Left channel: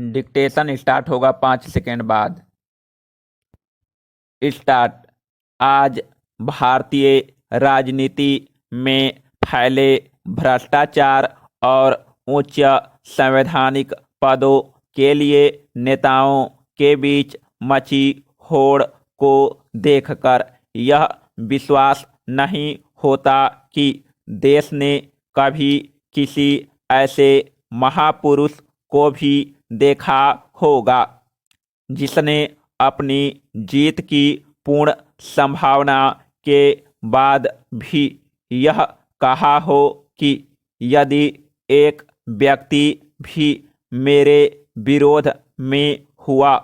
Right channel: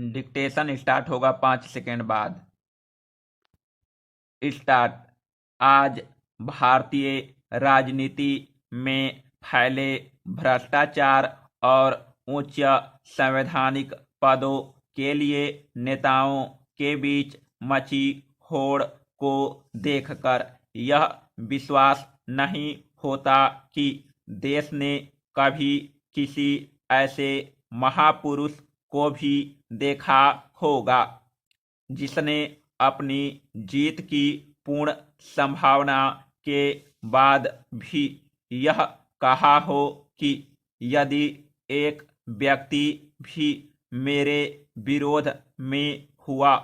Dictation start होगा 5 second बाद। Start. आज भारतीय राजनीति में फैले भ्रष्टाचार और उच्च संवैधानिक पदों के लिए नेताओं के बीच मची होड़ को देखकर यह विश्वास नहीं होता कि देश ने कभी किसी ऐसे महापुरुष को भी देखा होगा जिसने अपनी जीत की पूर्ण संभावना के बाद भी यह कहा हो कि यदि एक व्यक्ति भी मेरे विरोध में हुआ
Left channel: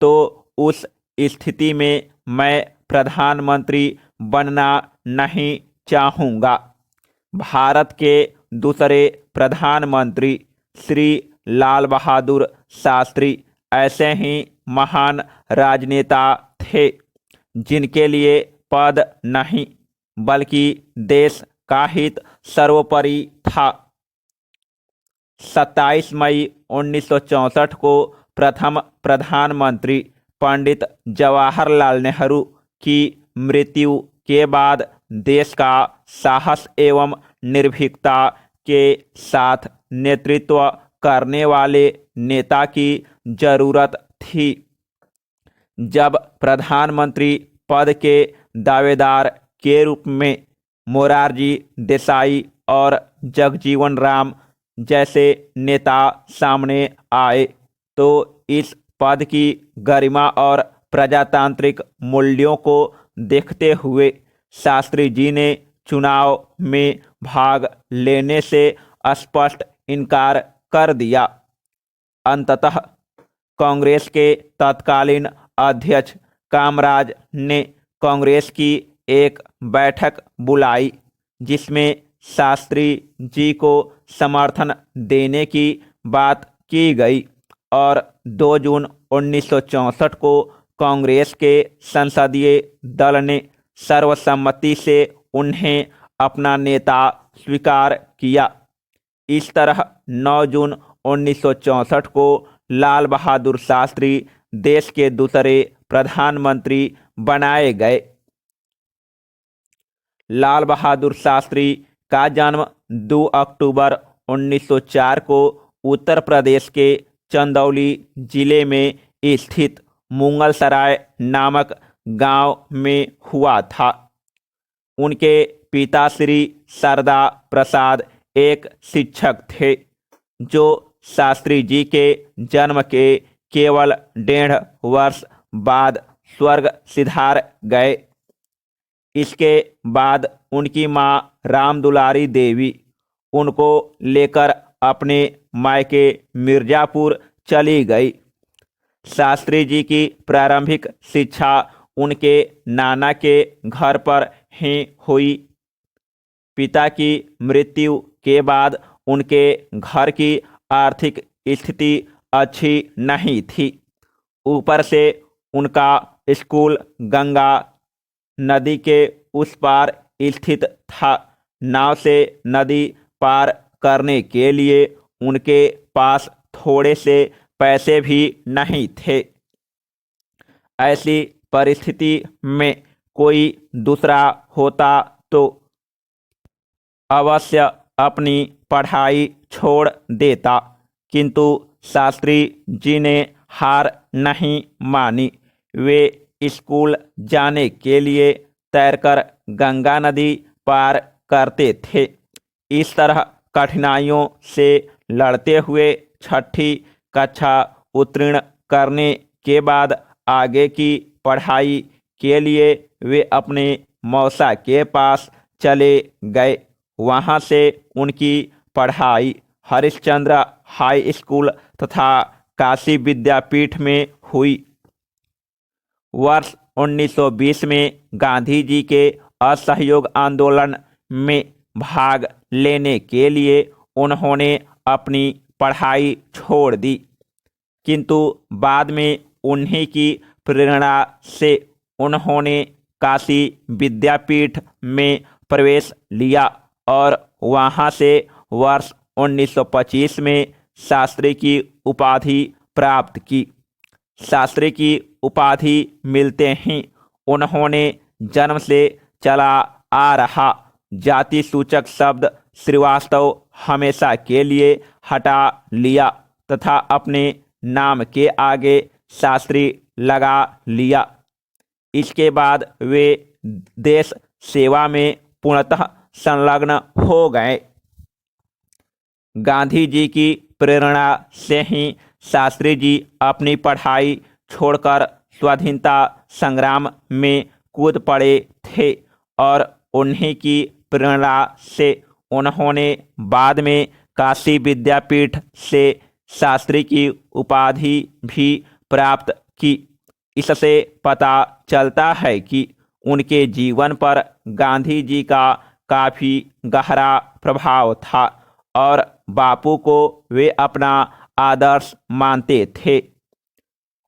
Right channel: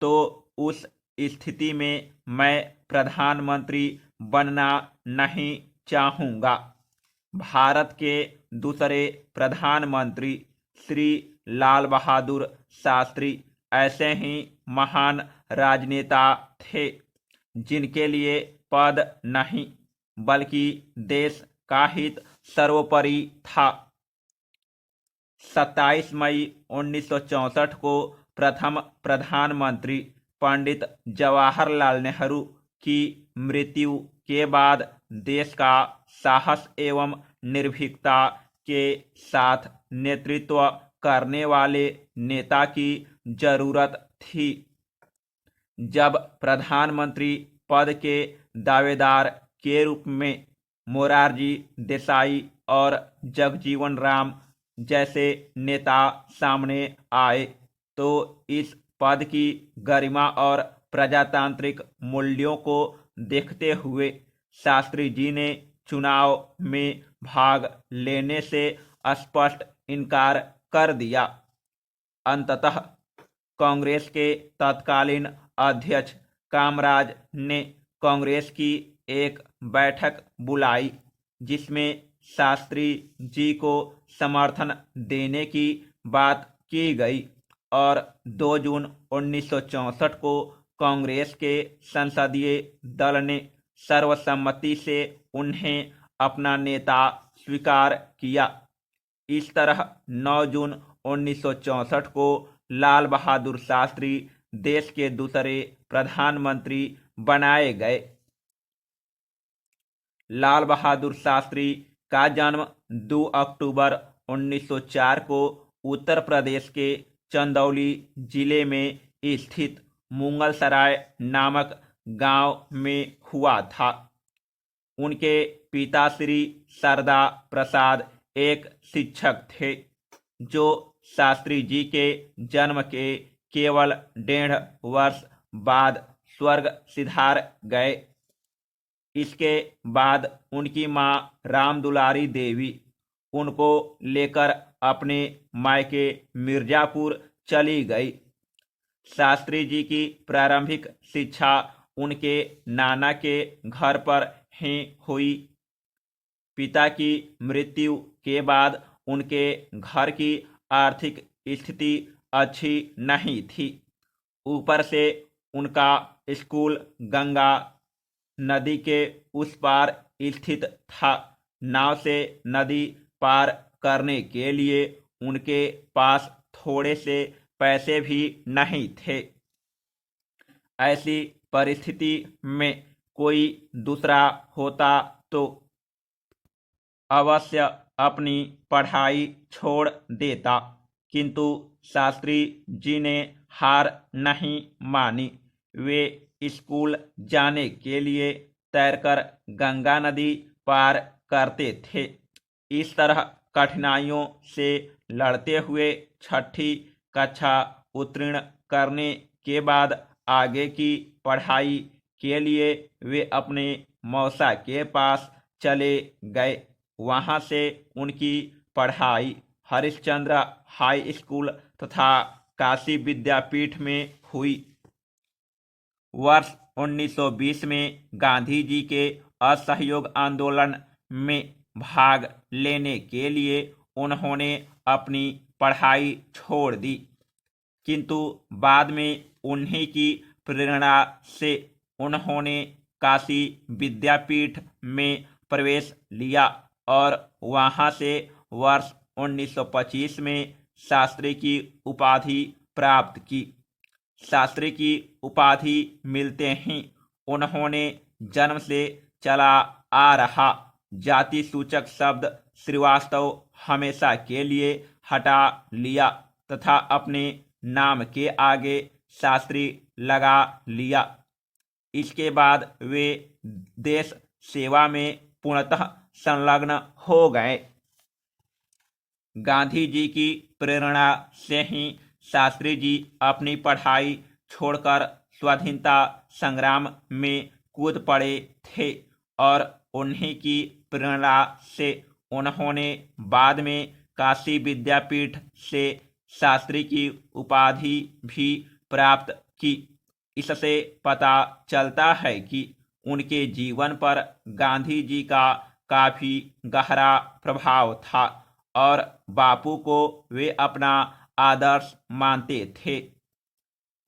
तो उस स्थिति में मैं प्रधानमंत्री बनना नहीं चाहूँगा। भारत के दूसरे प्रधानमंत्री श्री लाल बहादुर शास्त्री ऐसे ही महान राजनेता थे जिनके लिए पद नहीं बल्कि देश का हित सर्वोपरि था। 27 मई 1964 को प्रथम प्रधानमंत्री पंडित जवाहरलाल नेहरू की मृत्यु के बाद देश का साहस एवं निर्भीकता के साथ नेतृत्व करने वाले नेता की जरूरत थी। जब प्रधानमंत्री पद के दावेदार के रूप में मोरारजी देसाई और जगजीवन राम जैसे नेता सामने आए तो इस पद की गरिमा और प्रजातांत्रिक मूल्यों को देखते हुए शास्त्री जी ने चुनाव में भाग लेने से स्पष्ट इनकार कर दिया। अंततः कांग्रेस के तत्कालीन अध्यक्ष कामराज ने कांग्रेस की एक बैठक बुलाई जिसमें शास्त्री जी को समर्थन देने की बात की गई और 2 जून 1964 को कांग्रेस के संसदीय दल ने सर्वसम्मति से उन्हें अपना नेता स्वीकार किया। इस तरह 9 जून 1964 को लाल बहादुर शास्त्री देश के दूसरे प्रधानमंत्री बनाए गए। लाल बहादुर शास्त्री का जन्म 2 अक्टूबर 1904 को उत्तर प्रदेश के चंदौली जिले में स्थित मुगलसराय नामक गांव में हुआ था। उनके पिता श्री सरदा प्रसाद एक शिक्षक थे जो शास्त्री जी के जन्म के केवल 1.5 वर्ष बाद स्वर्ग सिधार गए। इसके बाद उनकी मां रामदुलारी देवी उनको लेकर अपने मायके मिर्जापुर चली गई। शास्त्री जी की प्रारंभिक शिक्षा उनके नाना के घर पर ही हुई। पिता की मृत्यु के बाद उनके घर की आर्थिक स्थिति अच्छी नहीं थी। ऊपर से उनका स्कूल गंगा नदी के उस पार स्थित था। नाव से नदी पार करने के लिए उनके पास थोड़े से पैसे भी नहीं थे। ऐसी परिस्थिति में कोई दूसरा होता तो अवश्य अपनी पढ़ाई छोड़ देता, किंतु शास्त्री जी ने हार नहीं मानी। वे स्कूल जाने के लिए तैरकर गंगा नदी पार करते थे। इस तरह कठिनाइयों से लड़ते हुए 6ठी कक्षा उत्तीर्ण करने के बाद आगे की पढ़ाई के लिए वे अपने मौसा के पास चले गए। वहां से उनकी पढ़ाई हरिश्चंद्र हाई स्कूल तथा काशी विद्यापीठ में हुई। वर्ष 1920 में गांधी जी के असहयोग आंदोलन में भाग लेने के लिए उन्होंने अपनी पढ़ाई छोड़ दी, किंतु बाद में उन्हीं की प्रेरणा से उन्होंने काशी विद्यापीठ में प्रवेश लिया और वहां से वर्ष 1925 में शास्त्री की उपाधि प्राप्त की। शास्त्री की उपाधि मिलते ही उन्होंने जन्म से चला आ रहा जाति सूचक शब्द श्रीवास्तव हमेशा के लिए हटा लिया तथा अपने नाम के आगे शास्त्री लगा लिया। इसके बाद वे देश सेवा में पूर्णतः संलग्न हो गए। गांधी जी की प्रेरणा से ही शास्त्री जी अपनी पढ़ाई छोड़कर स्वाधीनता संग्राम में कूद पड़े थे और उन्हीं की प्रेरणा से उन्होंने बाद में काशी विद्यापीठ से शास्त्री की उपाधि भी प्राप्त की। इससे पता चलता है कि उनके जीवन पर गांधी जी का काफी गहरा प्रभाव था और बापू को वे अपना आदर्श मानते थे।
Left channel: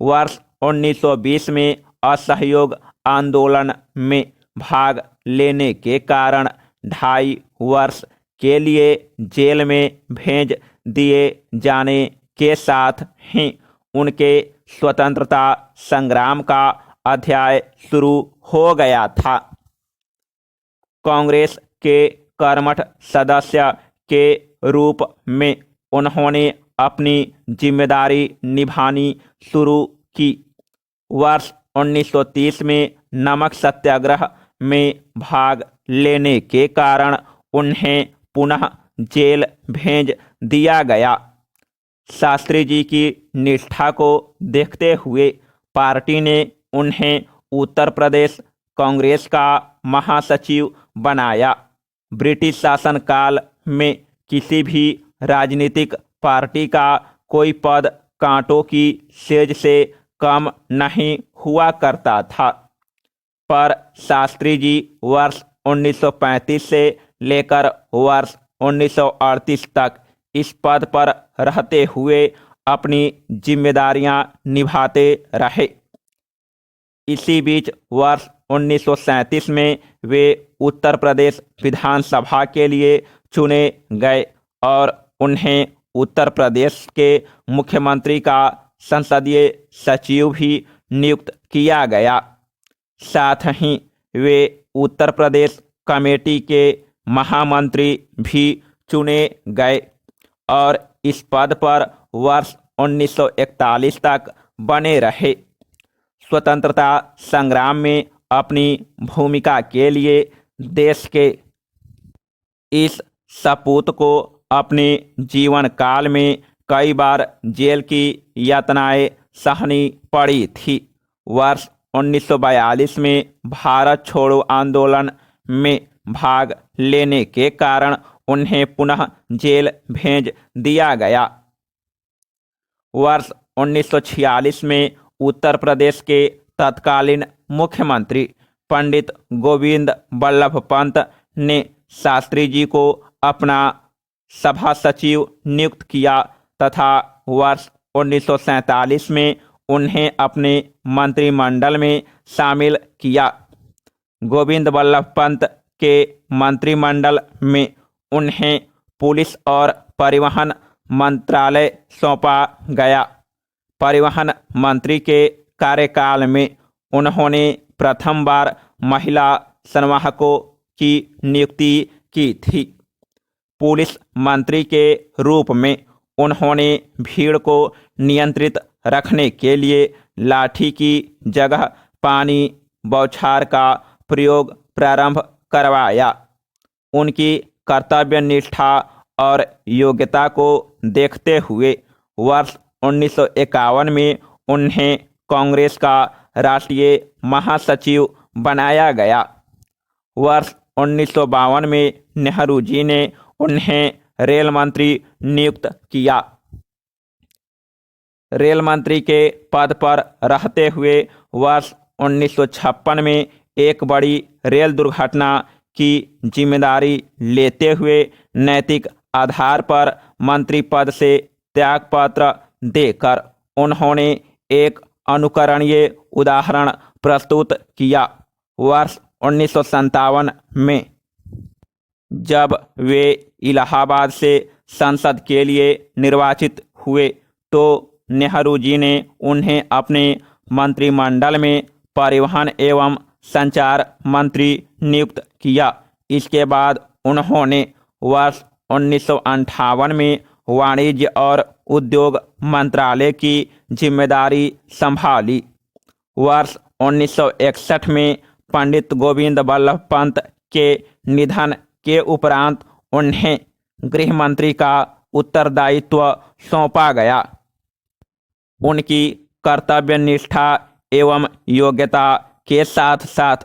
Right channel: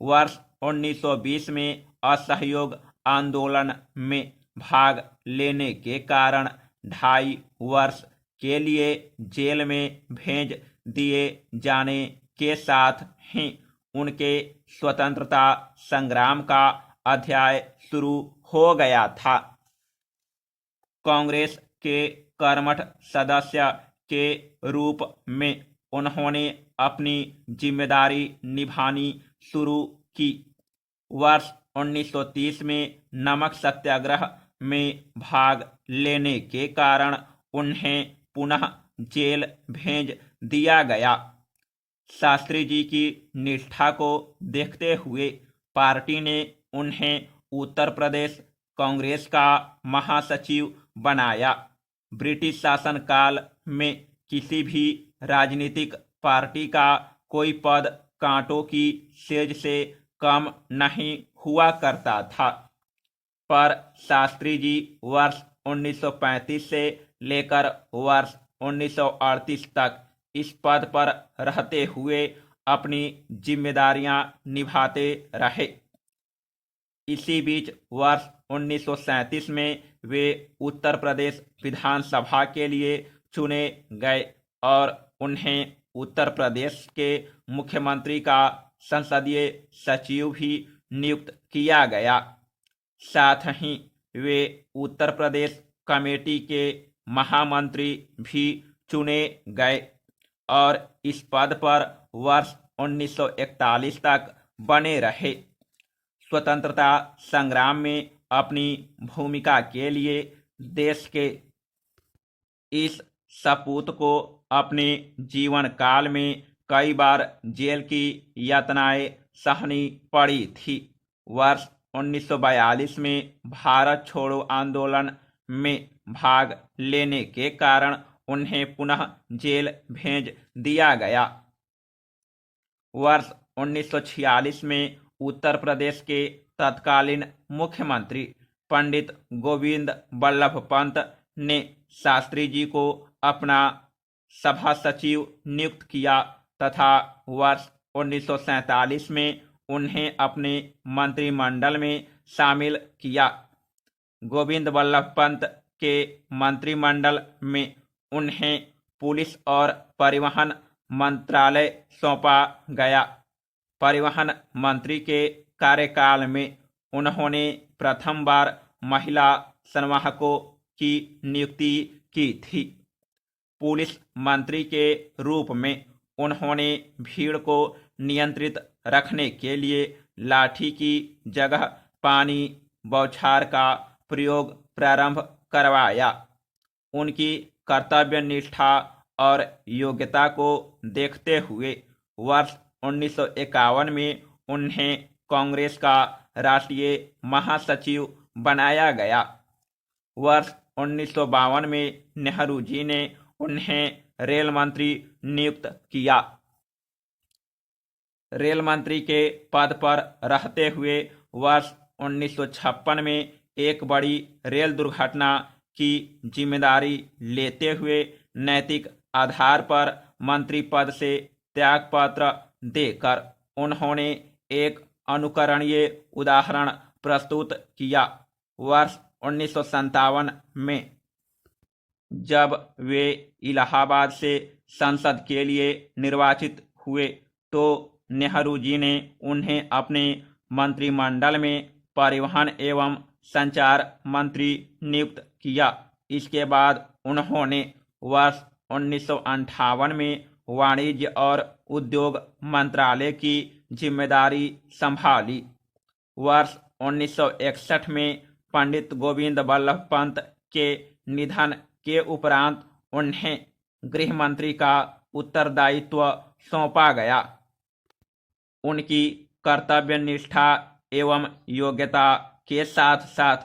वर्ष 1920 में असहयोग आंदोलन में भाग लेने के कारण 2.5 वर्ष के लिए जेल में भेज दिए जाने के साथ ही उनके स्वतंत्रता संग्राम का अध्याय शुरू हो गया था। कांग्रेस के कर्मठ सदस्य के रूप में उन्होंने अपनी जिम्मेदारी निभानी शुरू की। वर्ष 1930 में नमक सत्याग्रह में भाग लेने के कारण उन्हें पुनः जेल भेज दिया गया। शास्त्री जी की निष्ठा को देखते हुए पार्टी ने उन्हें उत्तर प्रदेश कांग्रेस का महासचिव बनाया। ब्रिटिश शासनकाल में किसी भी राजनीतिक पार्टी का कोई पद कांटों की सेज से कम नहीं हुआ करता था, पर शास्त्री जी वर्ष 1935 से लेकर वर्ष 1938 तक इस पद पर रहते हुए अपनी जिम्मेदारियां निभाते रहे। इसी बीच वर्ष 1937 में वे उत्तर प्रदेश विधानसभा के लिए चुने गए और उन्हें उत्तर प्रदेश के मुख्यमंत्री का संसदीय सचिव भी नियुक्त किया गया। साथ ही वे उत्तर प्रदेश कमेटी के महामंत्री भी चुने गए और इस पद पर वर्ष 1941 तक बने रहे। स्वतंत्रता संग्राम में अपनी भूमिका के लिए देश के इस सपूत को अपने जीवन काल में कई बार जेल की यातनाएं सहनी पड़ी थी। वर्ष 1942 में भारत छोड़ो आंदोलन में भाग लेने के कारण उन्हें पुनः जेल भेज दिया गया। वर्ष 1946 में उत्तर प्रदेश के तत्कालीन मुख्यमंत्री पंडित गोविंद बल्लभ पंत ने शास्त्री जी को अपना सभा सचिव नियुक्त किया तथा वर्ष 1947 में उन्हें अपने मंत्रिमंडल में शामिल किया। गोविंद बल्लभ पंत के मंत्रिमंडल में उन्हें पुलिस और परिवहन मंत्रालय सौंपा गया। परिवहन मंत्री के कार्यकाल में उन्होंने प्रथम बार महिला संवाहकों की नियुक्ति की थी। पुलिस मंत्री के रूप में उन्होंने भीड़ को नियंत्रित रखने के लिए लाठी की जगह पानी बौछार का प्रयोग प्रारंभ करवाया। उनकी कर्तव्य निष्ठा और योग्यता को देखते हुए वर्ष 1951 में उन्हें कांग्रेस का राष्ट्रीय महासचिव बनाया गया। वर्ष 1952 में नेहरू जी ने उन्हें रेल मंत्री नियुक्त किया। रेल मंत्री के पद पर रहते हुए वर्ष 1956 में एक बड़ी रेल दुर्घटना की जिम्मेदारी लेते हुए नैतिक आधार पर मंत्री पद से त्यागपत्र देकर उन्होंने एक अनुकरणीय उदाहरण प्रस्तुत किया। वर्ष 1957 में जब वे इलाहाबाद से संसद के लिए निर्वाचित हुए तो नेहरू जी ने उन्हें अपने मंत्रिमंडल में परिवहन एवं संचार मंत्री नियुक्त किया। इसके बाद उन्होंने वर्ष 1958 में वाणिज्य और उद्योग मंत्रालय की जिम्मेदारी संभाली। वर्ष 1961 में पंडित गोविंद बल्लभ पंत के निधन के उपरांत उन्हें गृह मंत्री का उत्तरदायित्व सौंपा गया। उनकी कर्तव्य निष्ठा एवं योग्यता के साथ साथ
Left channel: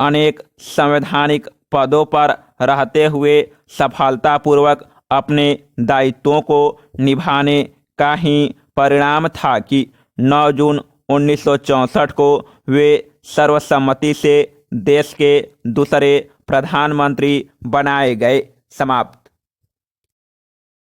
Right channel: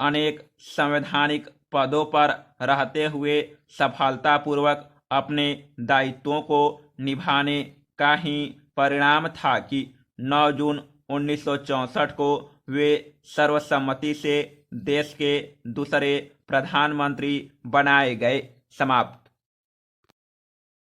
अनेक संवैधानिक पदों पर रहते हुए सफलतापूर्वक अपने दायित्वों को निभाने का ही परिणाम था कि 9 जून 1964 को वे सर्वसम्मति से देश के दूसरे प्रधानमंत्री बनाए गए। समाप्त।